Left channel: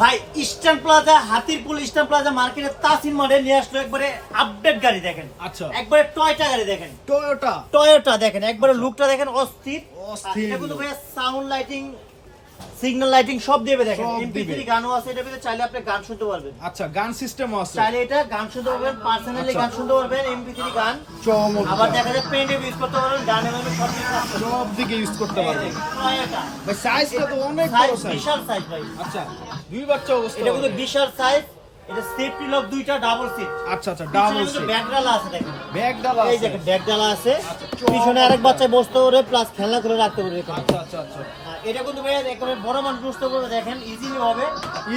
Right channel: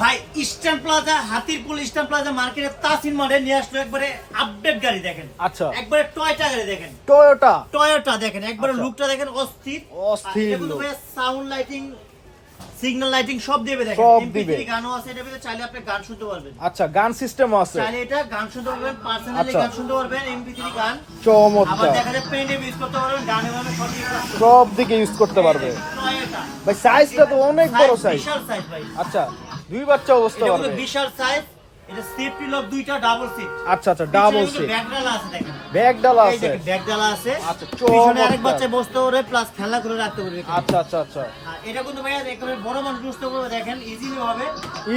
ভাই Eastern Plaza, Hatirpool Eastern Plaza মার্কেটে Tasin model নিয়ে আসলো একবারে আপডেট গাড়ি দেখেন। আচ্ছা। একবারে টয়টা গাড়ি দেখেন, টয়োটা দেখেন, একবারে লুকটা দেখেন অস্থির। এটা কিন্তু ভাই সাউন্ড লাইটিং, সিগন্যাল লাইটিং সব দেবে দেখেন। এমপি3 গানও আছে এটার ভিতরে, চাইলে আপনি গান শুনতে পারবেন। আচ্ছা, গান সিস্টেমও আছে, চাইলে এটা গান শুনতে পারবেন, পার্সোনালি গান শুনতে পারবেন, এমপি3 গান। চমৎকার। আবার দেখা যায় পেন ড্রাইভ ইউজ করতে পারবেন, গানে মানে সব কিছু আছে। সব দিকে ইউজ করতে পারবে। টয়োটা ভাই সাইজটা তো অনেক বড় সাইজ। বিশাল সাইজ ভাই। আচ্ছা, দুই বাচ্চা অবস্থা এটা কিন্তু বিশাল সাইজ। এটা সেফটি লক দুইটা, ডাবল সিট। আচ্ছা আচ্ছা, ডাবল সিট, ব্যাগ ডালা আছে দেখেন। ব্যাগ ডালা এই আছে। দেখেন ব্যাগ ডালা আছে। আচ্ছা, পিছনে আরেক বাচ্চা বসতে পারে, প্লাস খেলনা করে রাখতে পারবে এখানে। আচ্ছা আচ্ছা আচ্ছা, এটা কিন্তু ভাই একেবারে বড় মানুষ বসতে পারবে দেখেন, ইজিলি হবে।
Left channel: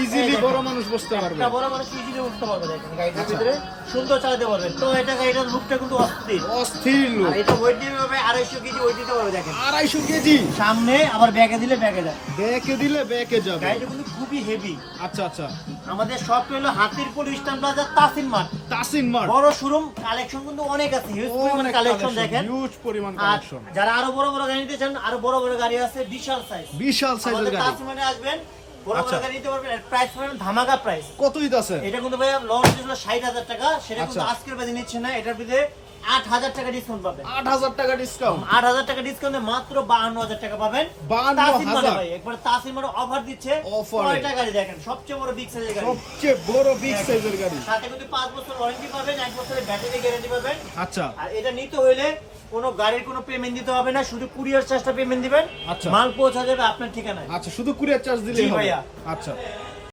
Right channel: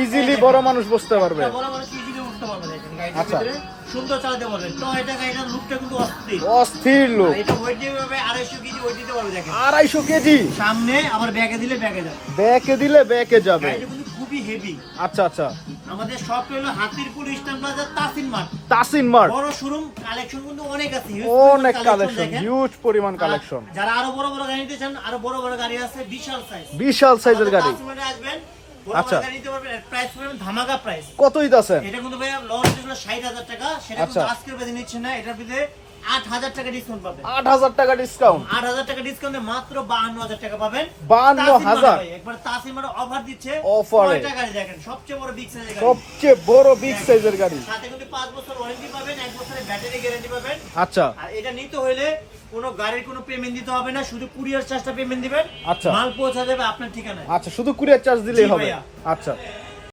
ইজিলি বড় মানুষ বসতে পারবে। এটা বড় মানুষ ইজিলি বসতে পারবে দেখেন, গাড়িটার আচ্ছা। ভিতরে সুন্দর চালাতে পারবেন। তো এটা গাড়িটার লুকটা কিন্তু অস্থির। অস্থির লোক। আর এটা ওয়েট দিতে পারবে 250 কেজি ওয়েট দিতে পারবে দেখেন। 250 কেজি সামনে আবার ব্যাগে দিলে ব্যাগে যায়। ব্যাকে দিলে ব্যাকে যাবে। গাড়িটা কিন্তু খুবই হেভি। আচ্ছা আচ্ছা, আমাদের শপ হলো Hatirpool Eastern Plaza Tasin Mart. Tasin Mart. বড় শোরুম, কালেকশন কিন্তু অনেক আছে, হিউজ অনেক কালেকশন কালেকশন, দেখেন। হিউজ পরিমাণ আর কালেকশন। যারা আরো বড় বড় গাড়ি নিতে চান, আরো বড় বড় গাড়ি আছে, বিশাল সাইজ। বিশাল সাইজের গাড়ি। তাসিন মার্টে আসবেন, বড় আচ্ছা। বড় গাড়ি নিতে পারবেন। প্রাইস পাবেন ধামাকা প্রাইস। কতই আছে? এটা কিন্তু ভাই লঞ্চ ছিল 60,000 টাকা, সেটা কিন্তু আচ্ছা। আজকের বাজে নিচ্ছে না। এটার ভিতরে 8,000 টাকা ডিসকাউন্ট পাবেন। 8,000 টাকা ডিসকাউন্ট। 8,000 টাকা ডিসকাউন্টে মাত্র 52,000 টাকা পাবেন। 52,000 ভাই একবার তাসিন মার্ট অফার দিচ্ছে। Offer এ। 9টা গাড়ি দেখেন, সবচেয়ে বড় বিগ সাইজের গাড়ি। সবচেয়ে বড় বিগ সাইজের গাড়ি। সাথে কিন্তু 5 বছর ওয়ারেন্টি পাবেন, 1 বছরের ব্যাটারি গ্যারান্টি পাবেন। আচ্ছা আর এটা নিতে হলে কোনো গাড়ির কোনো পেমেন্ট দিতে হবে না, শুধু কুরিয়ার চার্জটা পেমেন্ট দিবেন। আচ্ছা। মাল পৌঁছা যাবে আপনার ঠিকানায়। আচ্ছা, শুধু কুরিয়ার চার্জ দিলেই জি হবে। ভাইয়া। আচ্ছা,